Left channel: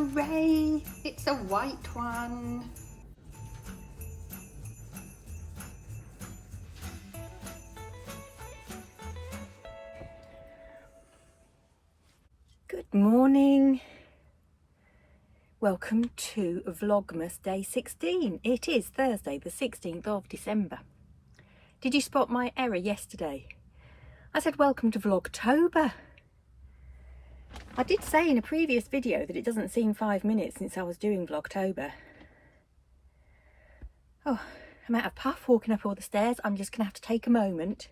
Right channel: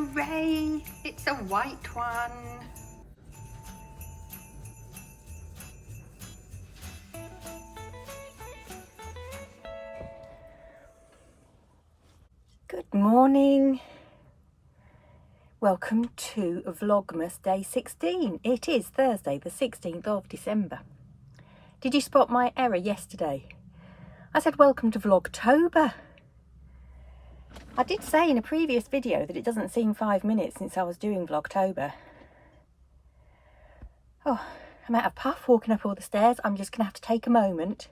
Hooray! It's a white one. Good morning. Welcome to Vlogmas Day 16. It is Thursday the 16th of December. Did you spot my error yesterday? I said welcome to Vlogtober. I did say in a previous video that it doesn't seem 5 minutes since I was doing Vlogtober. Oh, I'm out of puff walking up all the stairs. I'm just going to have to take a moment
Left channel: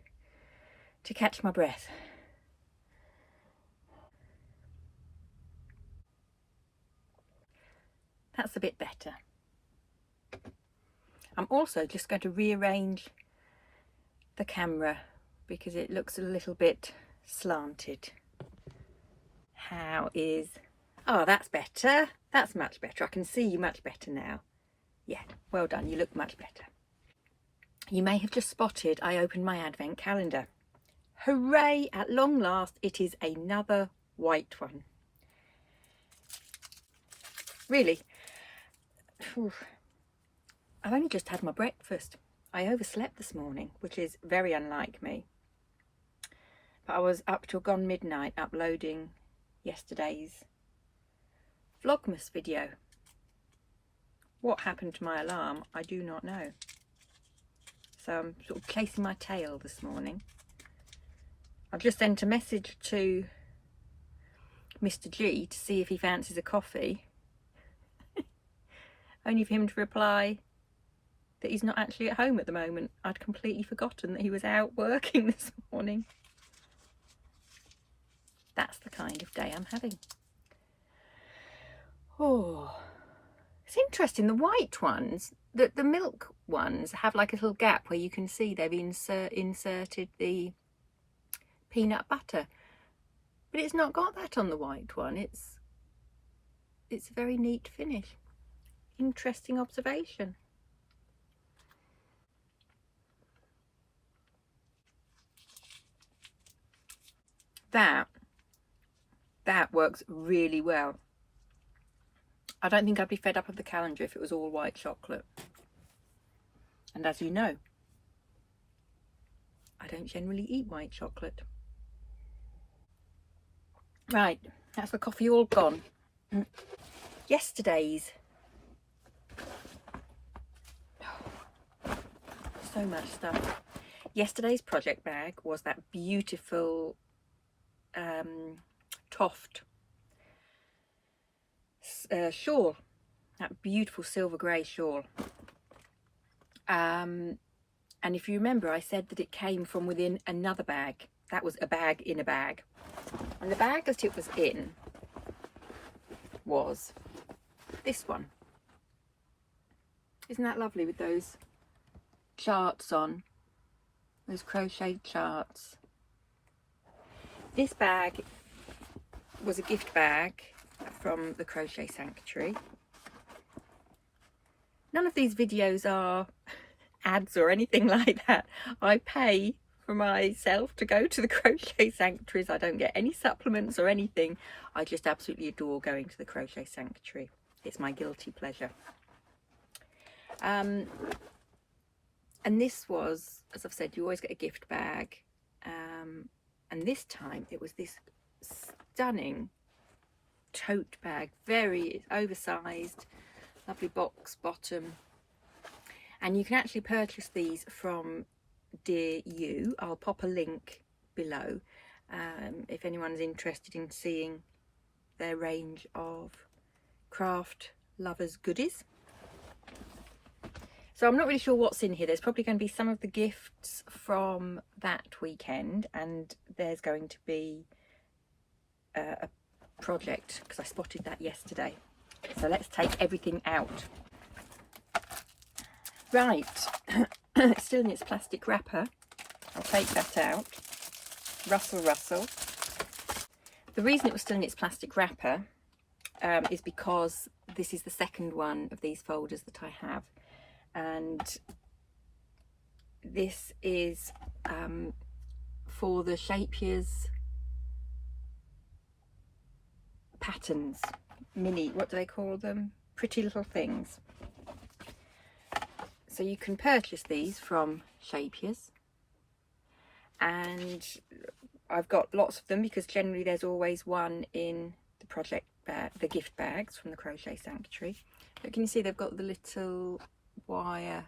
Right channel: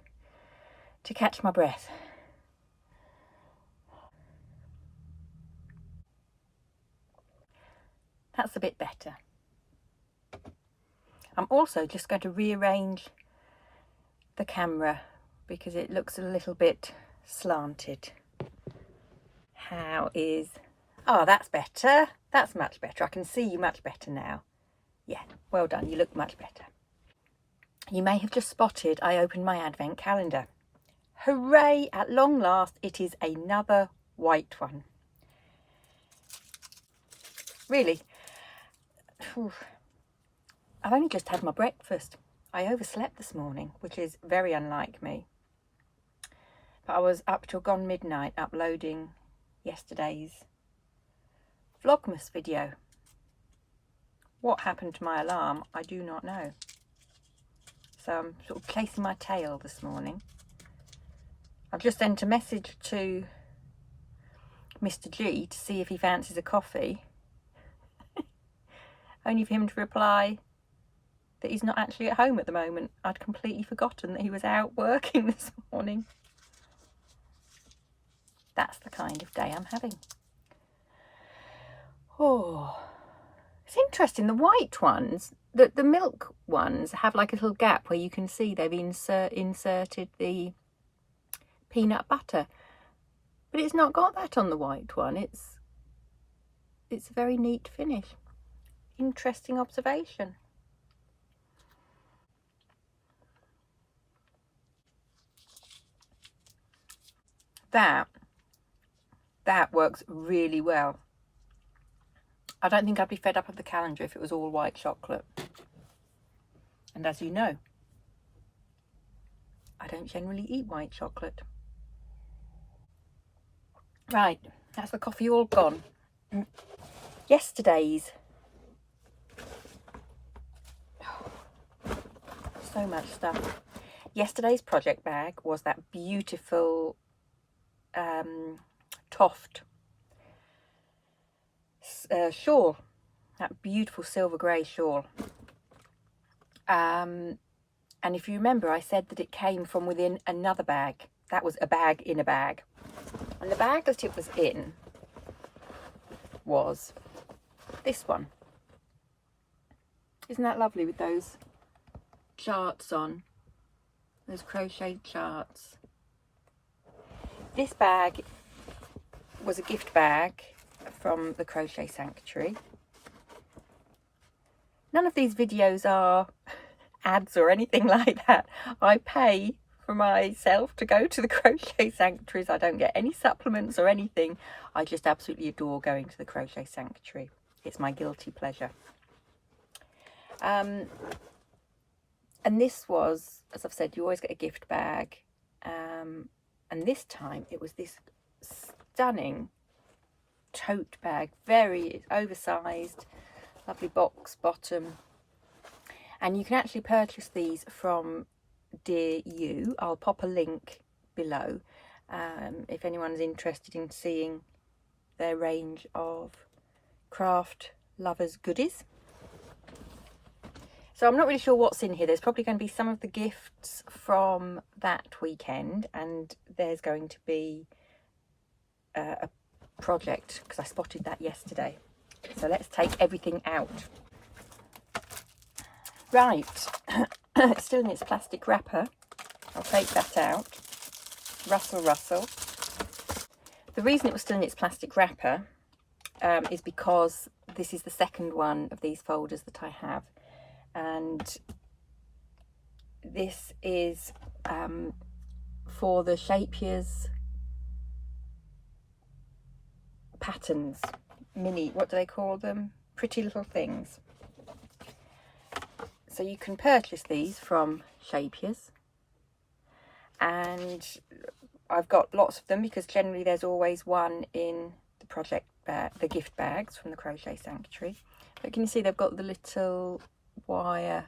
to catch my breath. That's a bit better. I'm also just going to rearrange the camera because it looks a little bit slanted. How is... Oh, that's better. That's much better. I can see you much better now. Yeah, well done. You look much better. You may have just spotted I opened my advent calendar. Hooray! At long last, it is another white one. Really? I've only just had my breakfast. I overslept this morning, which is very unlike me. But I was up till gone midnight uploading yesterday's Vlogmas video. What happened to my alarm, I do not know. So I'm sort of chasing my tail this morning. I've just sent a message to Mr. G to see if he fancies a coffee. Only for him to reply that he's not actually at home at the moment. I'd completely forgotten that he was out working this morning. That's the kind of day I'm having. Oh, it's interesting. The white ones, the milk ones, have like a little gap where you can see they've inserted the peanut butter. But it's not got that on the white one. It's a very neat finish. Interesting observation. That works really well. I don't think I'd be fed up of the calendar if it was all white chocolate. And as you know, I don't generally eat white chocolate. Right, that's the coffee all gone. Yesterday's. So much stuff. Yesterday's project bag was that beautiful toft shawl, that beautiful silver grey shawl. And if you remember, I said that it came from within another bag. That was a bag in a bag. And the bag that it was in was this one. Isn't that lovely with those charts on, those crocheted charts? This bag was a gift bag from the Crochet Sanctuary. None of these videos are ads or anything like that. I pay for myself to go to the Crochet Sanctuaries. I don't get any supplements or anything. I just absolutely adore going to the Crochet Sanctuary. It's my guilty pleasure. And this was, as I've said, you always get a gift bag. And this time it was this stunning tote bag, very oversized, lovely box bottom. And you can actually purchase these from Dear Ewe. I'll pop a link below if anyone's interested in seeing their range of craft lovers goodies. So I'm not really sure what's in here. There's probably going to be some of the gifts from that weekend, and there's going to be a project, because I spotted that yesterday. So let's take everything out. Right, it's still in its plastic wrapper. I'll take that out. Rustle, rustle. The reason it was still in its plastic wrapper is because this is the second one of these folders that I have. And this is for the Shape Years patterns, mini, what do they call them? Pretty little things. So you can purchase these from Shapiers, and I've got lots of them because generally there's always one in the project bag, the gift bags from the Crochet Sanctuary. But can you see they've got the little wire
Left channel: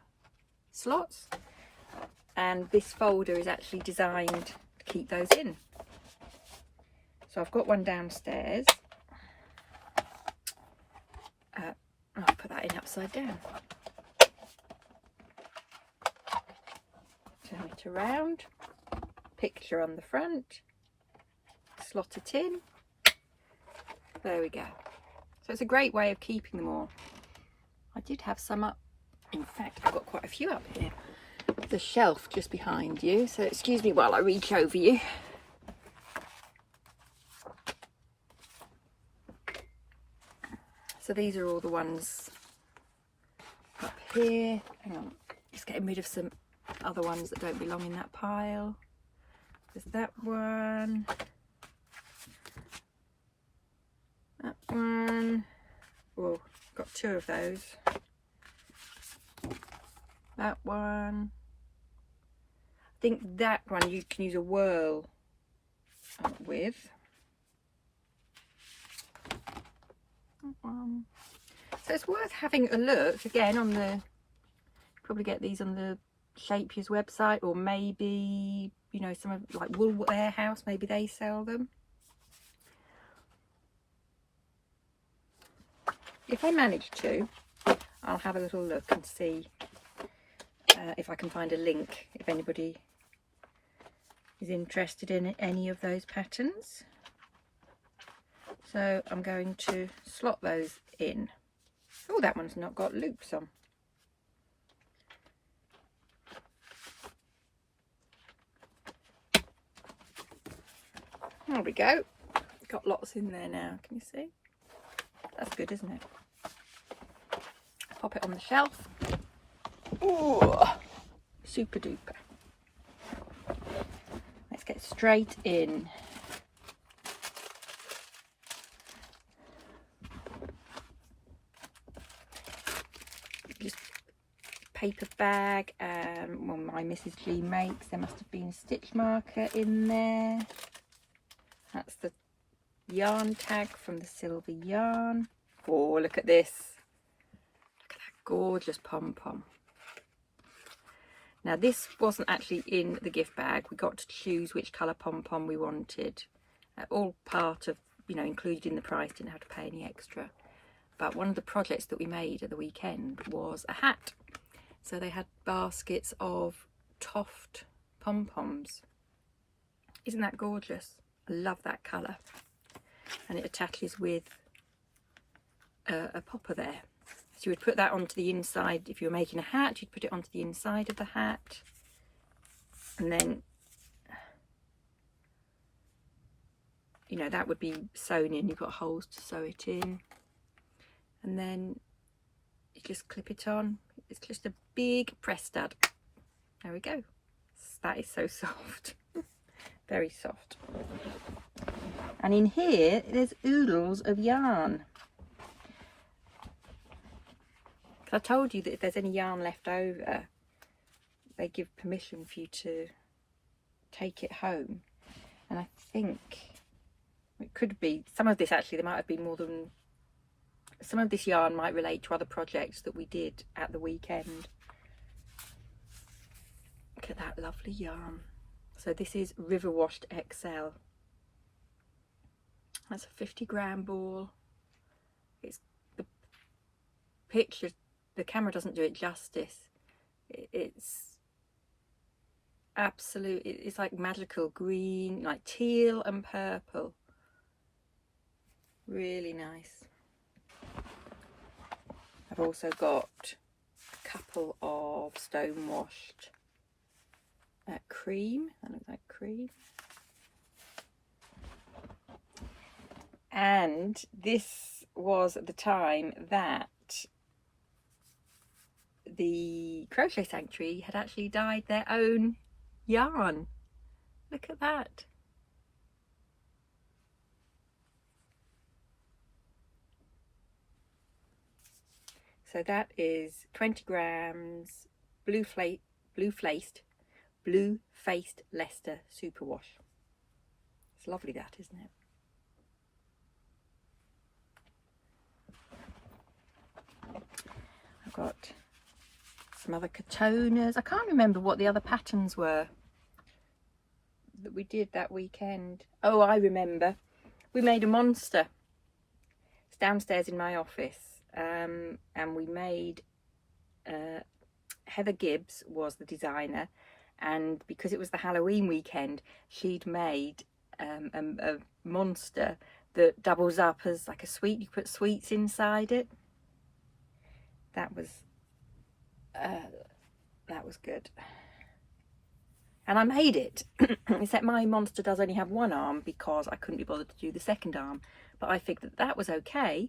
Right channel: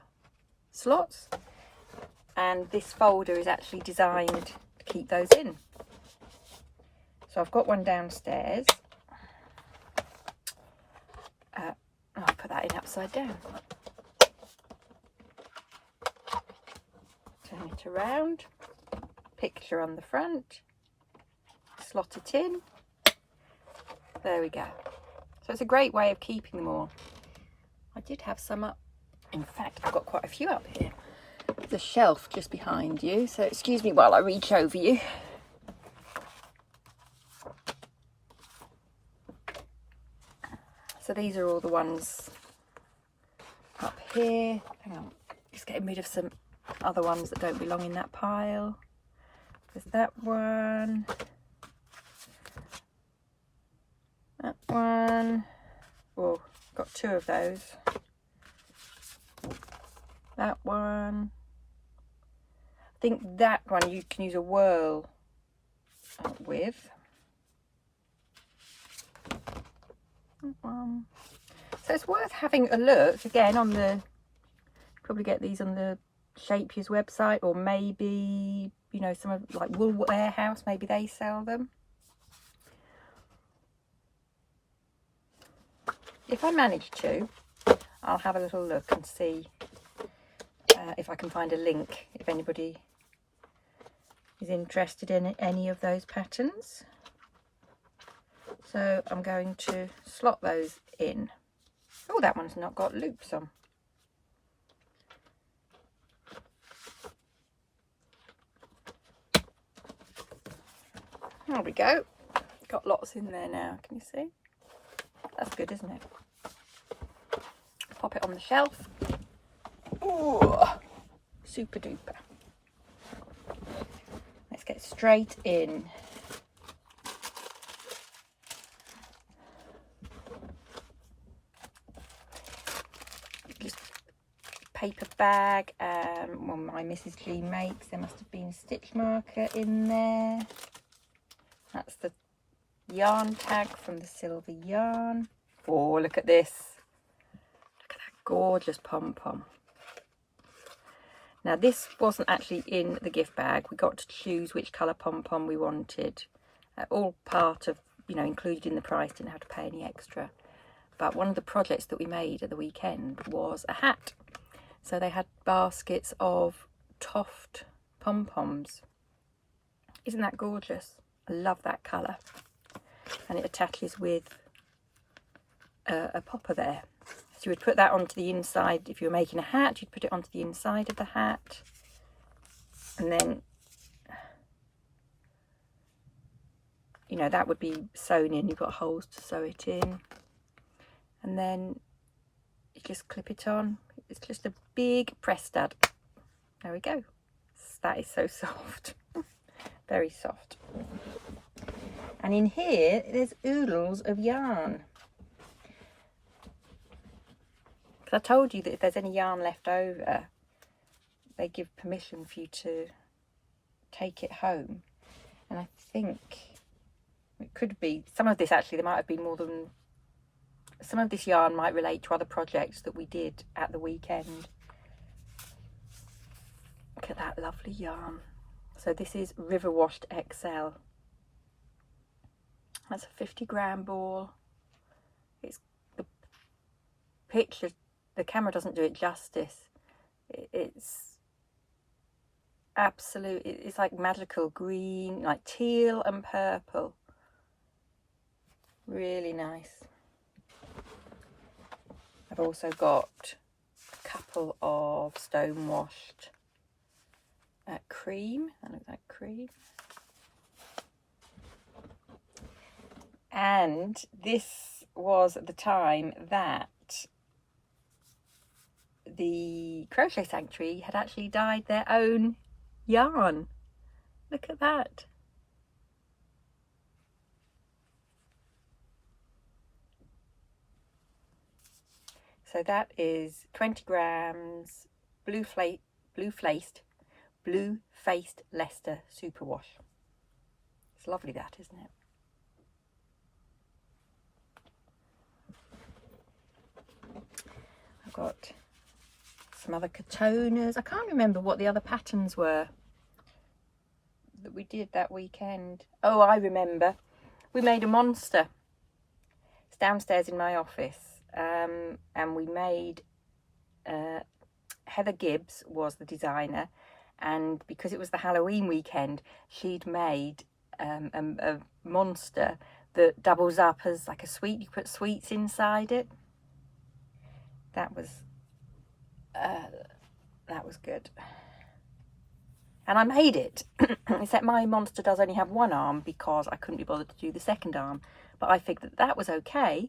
slots, and this folder is actually designed to keep those in. So I've got one downstairs. I'll put that in upside down. Turn it around, picture on the front, slot it in. There we go. So it's a great way of keeping them all. I did have some up. In fact, I've got quite a few up here. There's a shelf just behind you, so excuse me while I reach over you. So these are all the ones up here. Hang on, just getting rid of some other ones that don't belong in that pile. There's that one. That one. Oh, got two of those. That one. I think that one you can use a whirl with. So it's worth having a look again on the, probably get these on the Shapiers website, or maybe, you know, some of like Wool Warehouse, maybe they sell them. If I manage to, I'll have a little look and see if I can find a link, if anybody is interested in any of those patterns. So I'm going to slot those in. Oh, that one's not got loops on. There we go. Got lots in there now, can you see? That's good, isn't it? Pop it on the shelf. Oh, super duper. Let's get straight in. Just paper bag, one my Mrs. G makes. There must have been a stitch marker in there. That's the yarn tag from the Silver Yarn. Oh, look at this. Look at that gorgeous pom-pom. Now this wasn't actually in the gift bag. We got to choose which colour pom-pom we wanted. All part of, you know, included in the price, didn't have to pay any extra. But one of the projects that we made at the weekend was a hat. So they had baskets of Toft pom-poms. Isn't that gorgeous? I love that colour. And it attaches with a popper there. So you would put that onto the inside. If you were making a hat, you'd put it onto the inside of the hat. And then, you know, that would be sewn in. You've got holes to sew it in. And then you just clip it on. It's just a big press stud. There we go. That is so soft. Very soft. And in here, there's oodles of yarn. Because I told you that if there's any yarn left over, they give permission for you to take it home. And I think it could be, some of this actually, there might have been more than, some of this yarn might relate to other projects that we did at the weekend. Look at that lovely yarn. So this is River Washed XL. That's a 50-gram ball. It's the picture, the camera doesn't do it justice. It's absolute, it's like magical green, like teal and purple. Really nice. I've also got a couple of stone washed cream. I look like cream. And this was at the time that the Crochet Sanctuary had actually dyed their own yarn. Look at that. So that is 20 grams blue-faced Leicester superwash. It's lovely, that, isn't it? I've got some other katonas. I can't remember what the other patterns were that we did that weekend. Oh, I remember. We made a monster. It's downstairs in my office. And we made... Heather Gibbs was the designer, and because it was the Halloween weekend, she'd made a monster that doubles up as like a sweet. You put sweets inside it. That was good. And I made it, except my monster does only have one arm because I couldn't be bothered to do the second arm. But I figured that was okay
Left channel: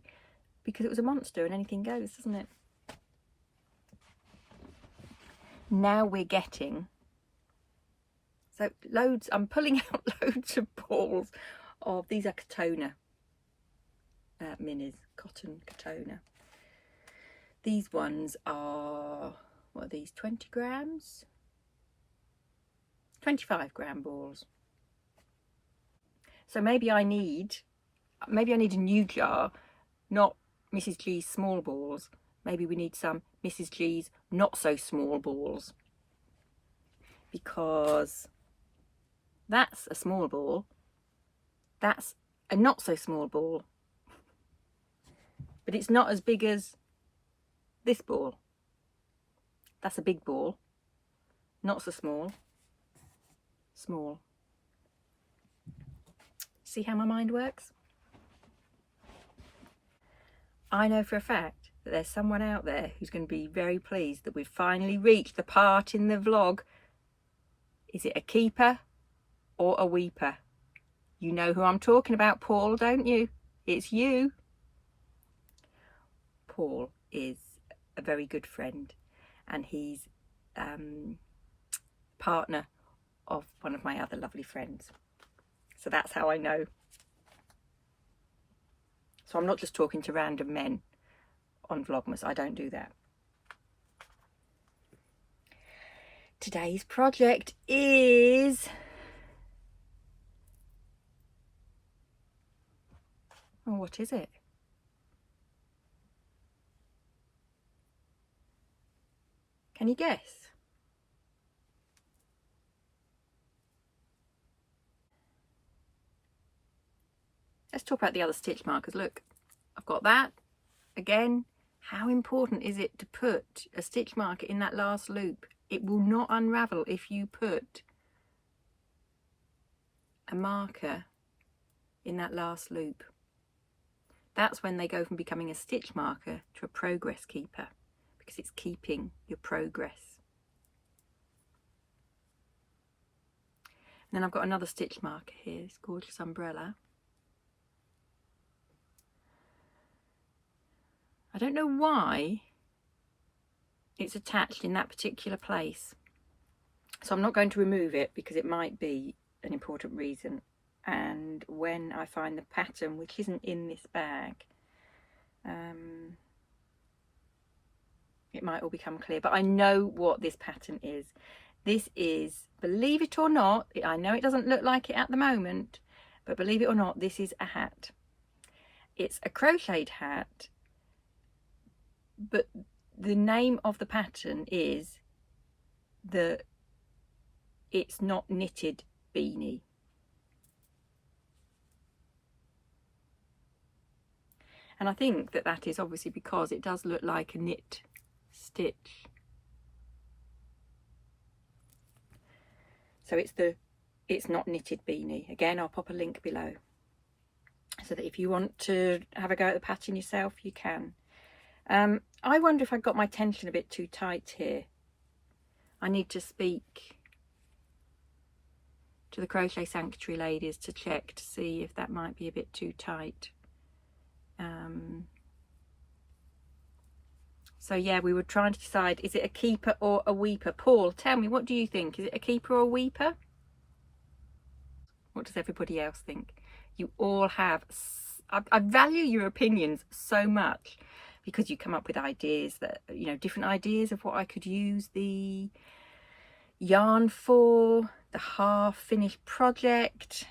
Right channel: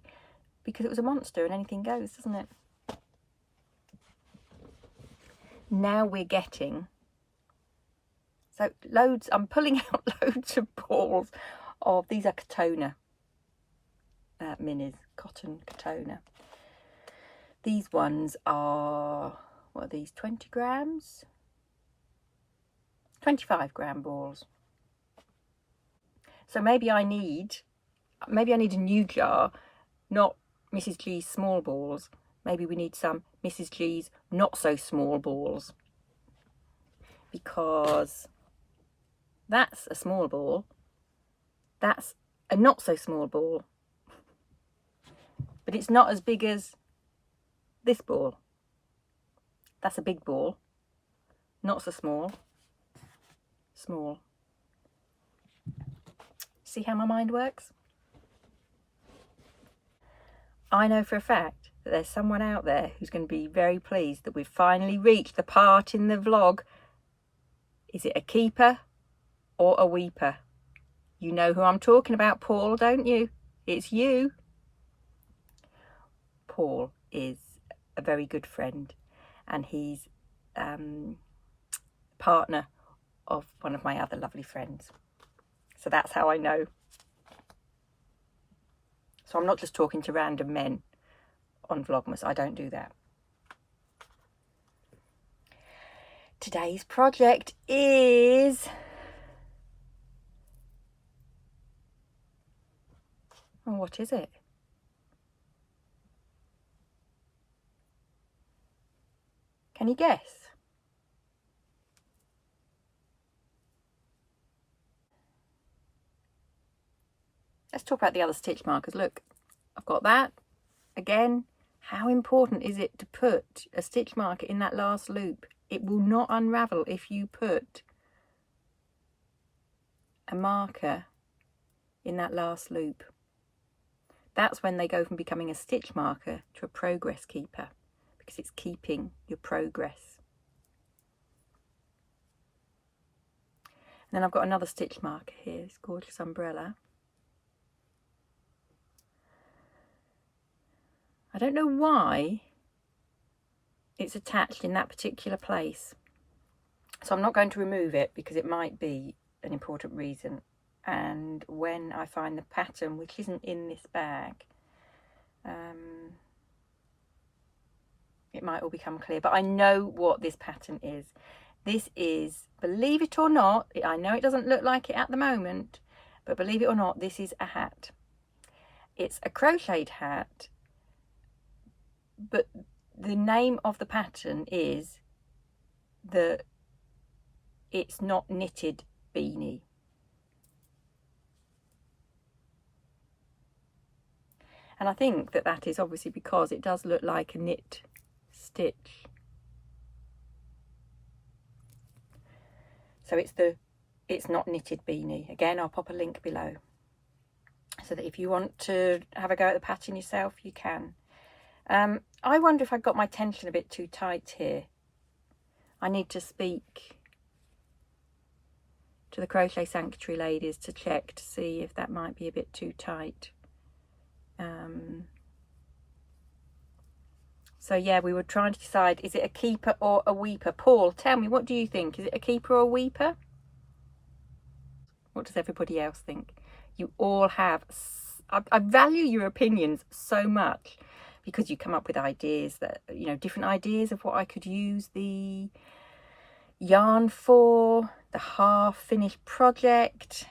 because it was a monster and anything goes, doesn't it? Now we're getting, so loads, I'm pulling out loads of balls of, these are Katona minis, cotton Katona. These ones are, what are these, 20 grams? 25 gram balls. So maybe I need a new jar, not Mrs. G's small balls. Maybe we need some Mrs. G's not so small balls, because that's a small ball, that's a not so small ball, but it's not as big as this ball. That's a big ball, not so small, small. See how my mind works? I know for a fact that there's someone out there who's going to be very pleased that we've finally reached the part in the vlog. Is it a keeper or a weeper? You know who I'm talking about, Paul, don't you? It's you. Paul is a very good friend, and he's partner of one of my other lovely friends. So that's how I know. So I'm not just talking to random men on Vlogmas. I don't do that. Today's project is... oh, what is it? Can you guess? Let's talk about the other stitch markers. Look, I've got that. Again, how important is it to put a stitch marker in that last loop? It will not unravel if you put a marker in that last loop. That's when they go from becoming a stitch marker to a progress keeper, because it's keeping your progress. And then I've got another stitch marker here, this gorgeous umbrella. I don't know why it's attached in that particular place, so I'm not going to remove it because it might be an important reason, and when I find the pattern, which isn't in this bag, it might all become clear. But I know what this pattern is. This is, believe it or not, I know it doesn't look like it at the moment, but believe it or not, this is a hat. It's a crocheted hat, but the name of the pattern is the It's Not Knitted beanie. And I think that that is obviously because it does look like a knit stitch. So it's the It's Not Knitted beanie. Again, I'll pop a link below so that if you want to have a go at the pattern yourself, you can. I wonder if I got my tension a bit too tight here. I need to speak to the Crochet Sanctuary ladies to check to see if that might be a bit too tight. So yeah, we were trying to decide, is it a keeper or a weeper? Paul, tell me, what do you think? Is it a keeper or a weeper? What does everybody else think? You all have... I value your opinions so much, because you come up with ideas that, you know, different ideas of what I could use the yarn for, the half finished project.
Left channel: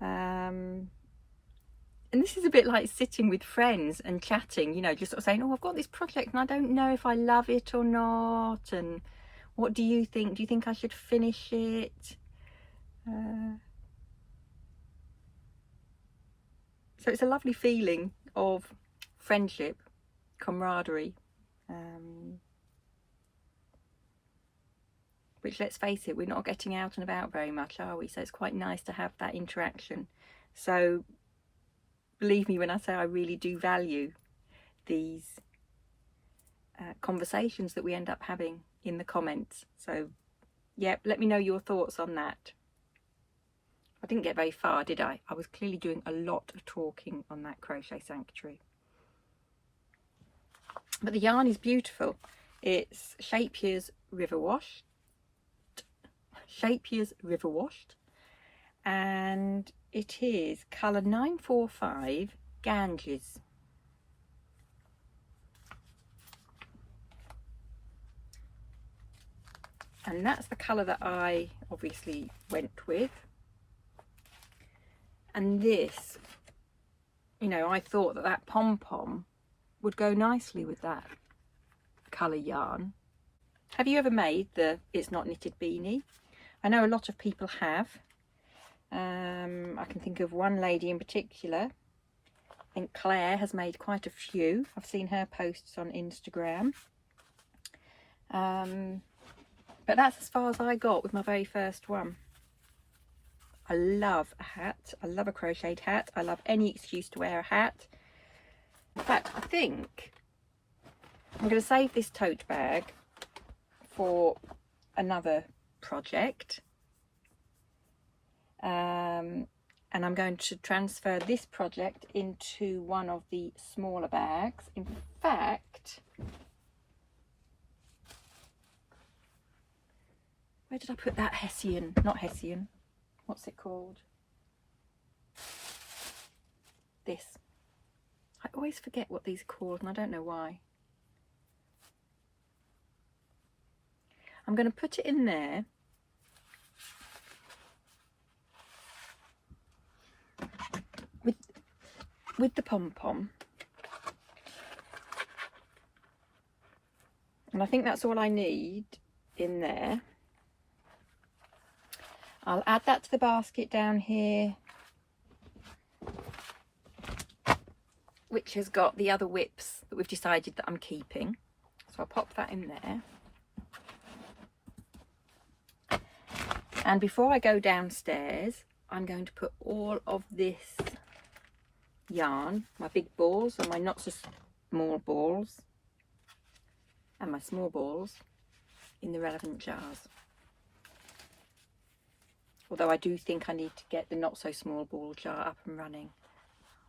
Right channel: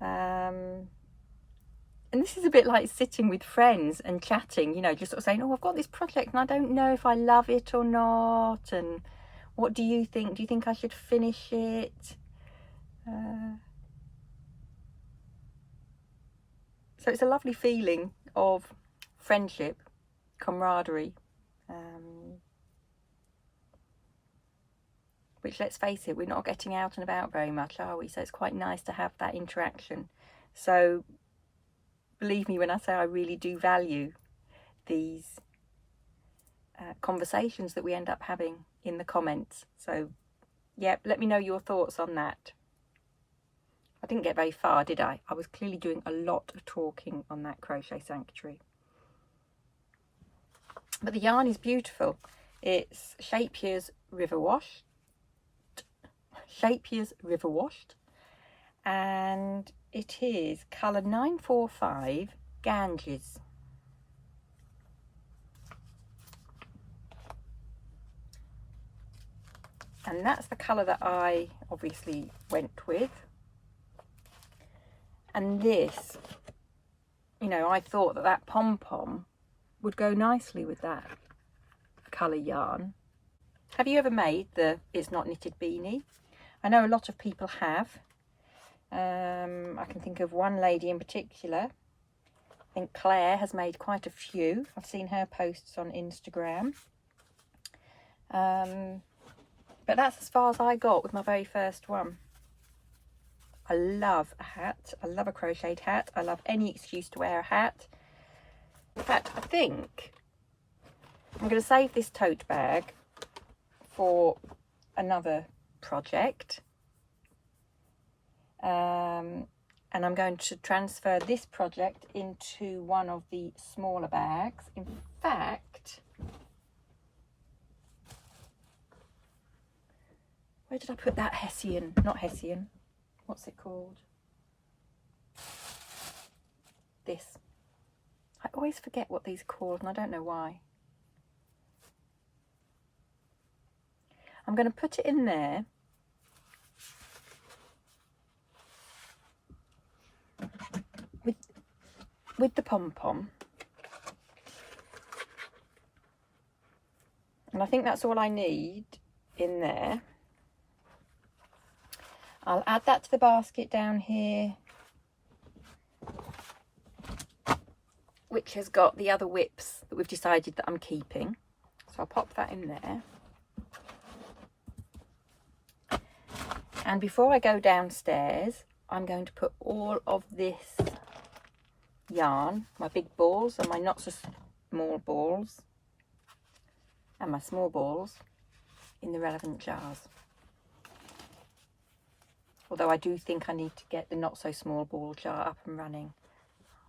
And this is a bit like sitting with friends and chatting, you know, just sort of saying, oh, I've got this project and I don't know if I love it or not, and what do you think? Do you think I should finish it? So it's a lovely feeling of friendship, camaraderie, which, let's face it, we're not getting out and about very much, are we? So it's quite nice to have that interaction. So believe me when I say I really do value these conversations that we end up having in the comments. So yeah, let me know your thoughts on that. I didn't get very far, did I? I was clearly doing a lot of talking on that Crochet Sanctuary. But the yarn is beautiful. It's Shapier's River Washed. And it is colour 945 Ganges. And that's the colour that I obviously went with. And this, you know, I thought that that pom-pom would go nicely with that colour yarn. Have you ever made the It's Not Knitted beanie? I know a lot of people have. I can think of one lady in particular. I think Claire has made quite a few. I've seen her posts on Instagram. But that's as far as I got with my very first one. I love a hat. I love a crocheted hat. I love any excuse to wear a hat. In fact, I think I'm going to save this tote bag for another project. And I'm going to transfer this project into one of the smaller bags. In fact, where did I put that Hessian? Not Hessian. What's it called? This. I always forget what these are called and I don't know why. I'm going to put it in there. With the pom-pom. And I think that's all I need in there. I'll add that to the basket down here, which has got the other whips that we've decided that I'm keeping. So I'll pop that in there. And before I go downstairs, I'm going to put all of this yarn, my big balls and my not so small balls, and my small balls, in the relevant jars. Although I do think I need to get the not so small ball jar up and running.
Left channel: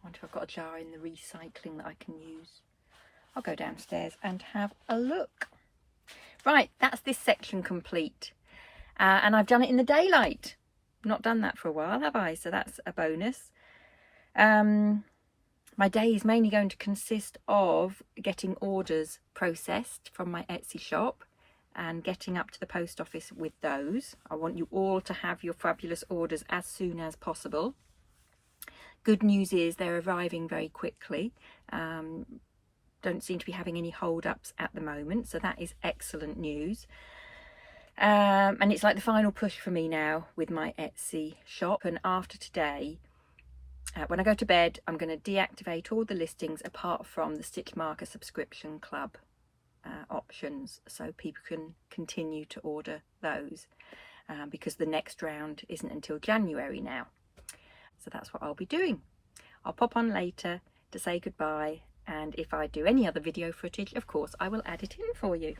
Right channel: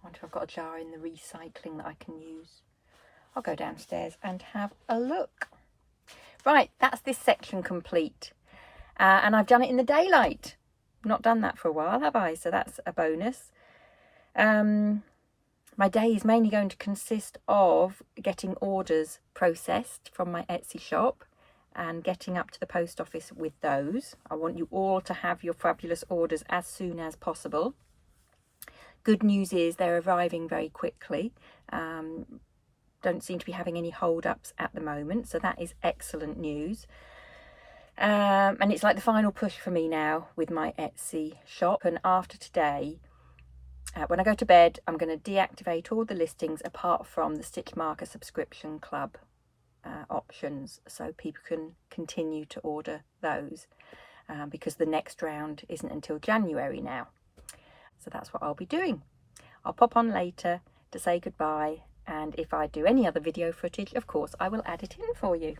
I wonder if I've got a jar in the recycling that I can use. I'll go downstairs and have a look. Right, that's this section complete. And I've done it in the daylight. Not done that for a while, have I? So that's a bonus. My day is mainly going to consist of getting orders processed from my Etsy shop and getting up to the post office with those. I want you all to have your fabulous orders as soon as possible. Good news is they're arriving very quickly. Don't seem to be having any hold-ups at the moment, so that is excellent news. And it's like the final push for me now with my Etsy shop. And after today, when I go to bed, I'm going to deactivate all the listings apart from the Stitch Marker Subscription Club options, so people can continue to order those, because the next round isn't until January now. So that's what I'll be doing. I'll pop on later to say goodbye, and if I do any other video footage, of course I will add it in for you.